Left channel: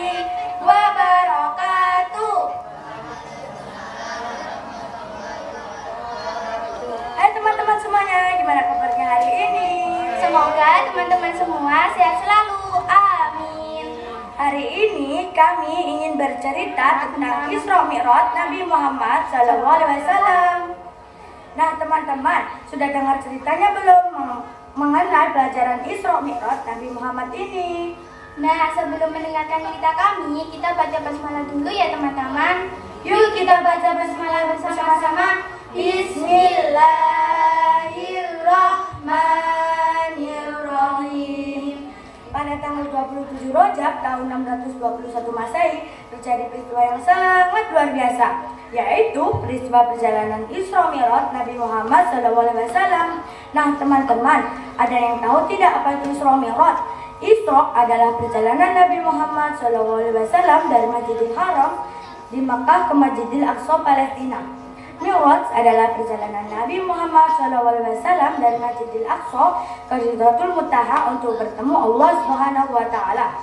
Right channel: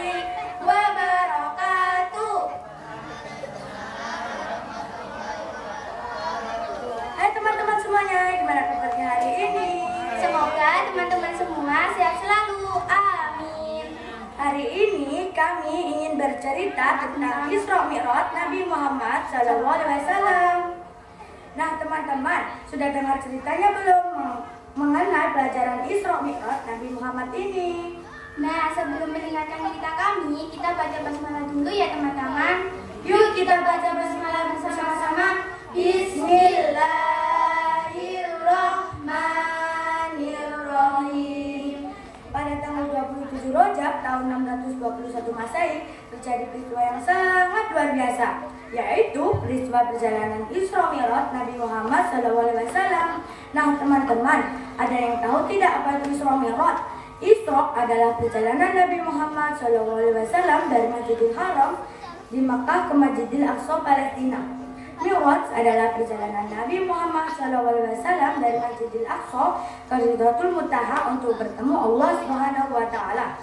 warahmatullahi wabarakatuh. Hai teman-teman semuanya, gimana kabarnya hari ini? Semoga teman-teman semua sehat selalu. Amin. Hari ini kami ingin bercerita tentang Isra Mi'raj Nabi Muhammad SAW. Nah teman-teman, sudah dengar ceritanya belum mengenai pelajaran Isra Mi'raj Nabi Muhammad ini? Nah, sebelum mendengarkan cerita kami, kita baca basmalah dulu ya teman-teman. Yuk kita baca basmalah bersama-sama. Bismillahirrahmanirrahim. Pada tanggal 27 Rajab tahun 621 Masehi terjadi peristiwa yang sangat luar biasa, yaitu peristiwa perjalanan Isra Mi'raj Nabi Muhammad SAW. Nah teman-teman, ada yang tahu tidak apa itu Isra Mi'raj? Isra adalah perjalanan Nabi Muhammad SAW dari Masjidil Haram di Makkah ke Masjidil Aqsa Palestina. Mi'raj adalah perjalanan Nabi Muhammad SAW dari Masjidil Aqsa ke Sidratul Muntaha untuk bertemu Allah Subhanahu wa Ta'ala.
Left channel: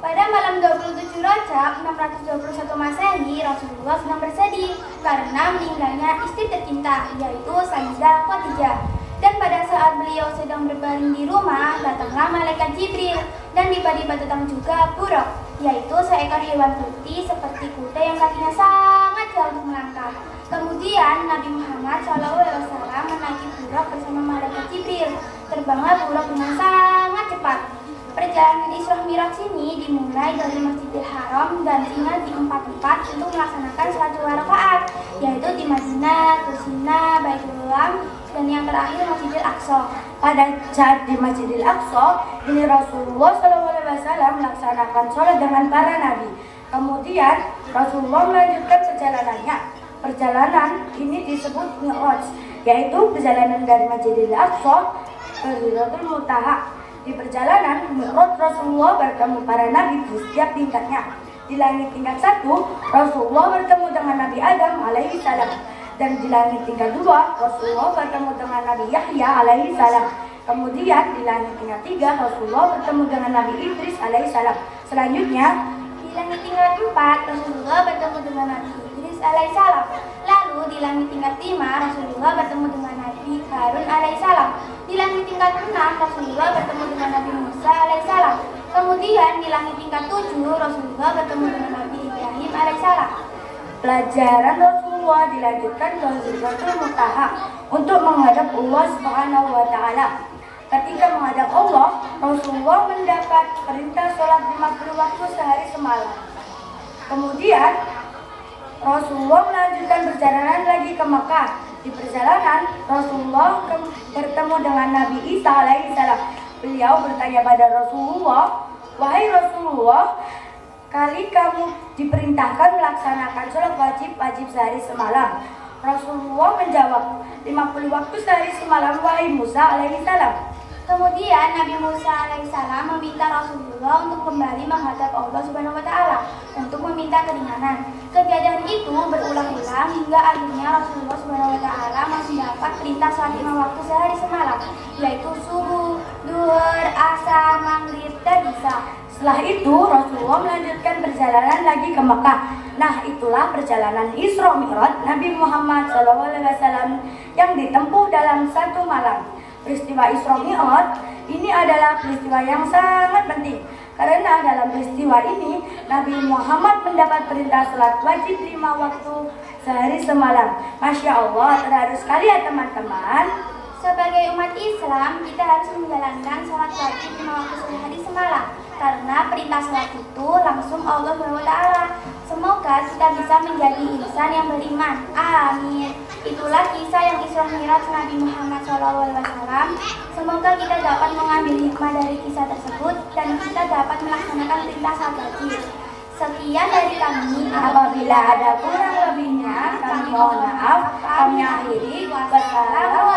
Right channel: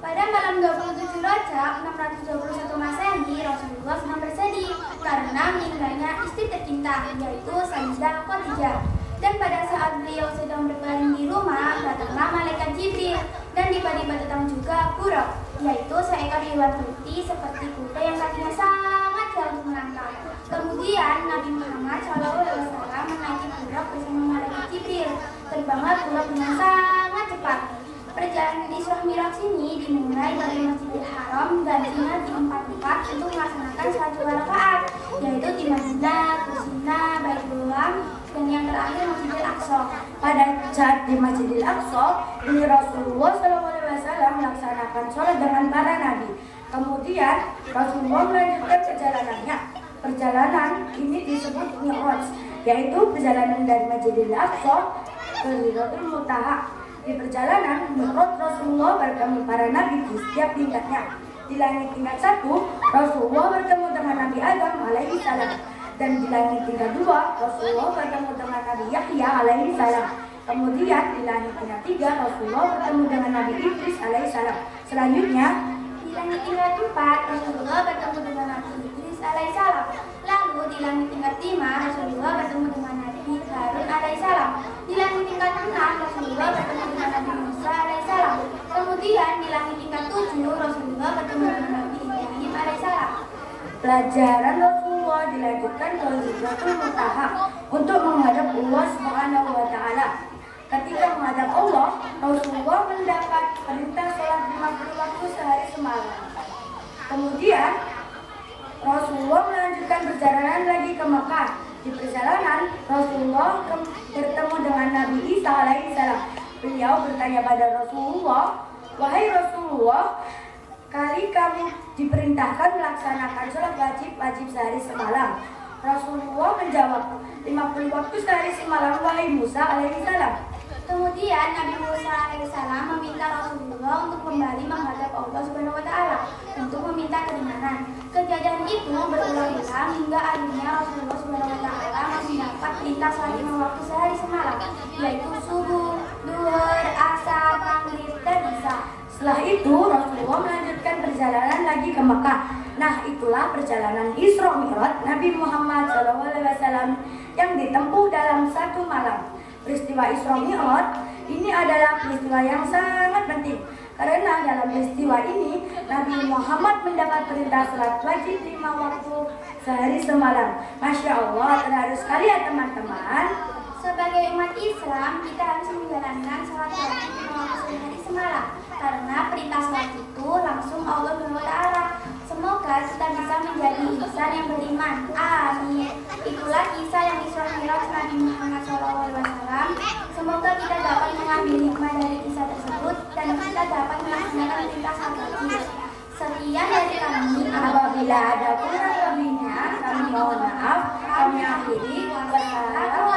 Pada malam 27 Rajab 621 Masehi, Rasulullah sedang bersedih karena meninggalnya istri tercinta, yaitu Sayyidah Khadijah. Dan pada saat beliau sedang berbaring di rumah, datanglah malaikat Jibril dan tiba-tiba datang juga Buraq, yaitu seekor hewan putih seperti kuda yang kakinya sangat jauh melangkah. Kemudian Nabi Muhammad SAW menaiki Buraq bersama malaikat Jibril. Terbanglah Buraq dengan sangat cepat. Perjalanan Isra Mi'raj ini dimulai dari Masjidil Haram dan tinggal di 4 tempat untuk melaksanakan sholat 2 rakaat, yaitu di Madinah, Kusina, Baitullah, dan yang terakhir Masjidil Aqsa. Pada saat di Masjidil Aqsa, ini Rasulullah SAW melaksanakan sholat dengan para nabi. Kemudian Rasulullah melanjutkan perjalanannya. Perjalanan ini disebut Mi'raj, yaitu perjalanan dari Masjidil Aqsa ke Sidratul Muntaha. Di perjalanan Mi'raj, Rasulullah bertemu para nabi di setiap tingkatnya. Di langit tingkat 1, Rasulullah bertemu dengan Nabi Adam alaihi salam. Dan di langit tingkat 2, Rasulullah bertemu dengan Nabi Yahya alaihi salam. Kemudian di langit tingkat 3, Rasulullah bertemu dengan Nabi Idris alaihi salam. Selanjutnya, di langit tingkat 4, Rasulullah bertemu dengan Nabi Idris alaihissalam. Lalu di langit tingkat 5, Rasulullah bertemu dengan Nabi Harun alaihissalam. Di langit tingkat 6, Rasulullah bertemu dengan Nabi Musa alaihissalam. Kemudian di langit tingkat 7, Rasulullah bertemu dengan Nabi Ibrahim alaihissalam. pelajaran Rasulullah dilanjutkan ke Sidratul Muntaha untuk menghadap Allah Subhanahu wa Ta'ala. Ketika menghadap Allah, Rasulullah mendapat perintah sholat 50 waktu sehari semalam. Kemudian Rasulullah melanjutkan perjalanan lagi ke Makkah. Di perjalanan, Rasulullah bertemu dengan Nabi Isa alaihissalam. Beliau bertanya pada Rasulullah, "Wahai Rasulullah, kali kamu diperintahkan melaksanakan sholat wajib sehari semalam?" Rasulullah menjawab, 50 waktu sehari semalam, wahai Musa alaihissalam. Kemudian Nabi Musa alaihissalam meminta Rasulullah untuk kembali menghadap Allah Subhanahu wa Ta'ala untuk meminta keringanan. Kejadian itu berulang-ulang hingga akhirnya Rasulullah Subhanahu wa Ta'ala masih dapat perintah sholat 5 waktu sehari semalam, yaitu subuh, duhur, asar, maghrib, dan isya. Setelah itu Rasulullah melanjutkan perjalanan lagi ke Mekah. Nah, itulah perjalanan Isra Mi'raj Nabi Muhammad SAW yang ditempuh dalam 1 malam. Peristiwa Isra Mi'raj ini adalah peristiwa yang sangat penting, karena dalam peristiwa ini Nabi Muhammad mendapat perintah sholat wajib 5 waktu sehari semalam. Masya Allah, terharu sekali ya teman-teman. Sebagai umat Islam, kita harus menjalankan sholat wajib 5 waktu sehari semalam, karena perintah sholat itu langsung Allah SWT. Semoga kita bisa menjadi insan yang beriman. Amin. Itulah kisah yang Isra Mi'raj Nabi Muhammad SAW. Semoga kita dapat mengambil hikmah dari kisah tersebut dan kita dapat melaksanakan perintah sholat wajib. Sekian dari kami. Apabila ada kurang lebihnya, kami mohon maaf. Kami akhiri. Wassalamualaikum.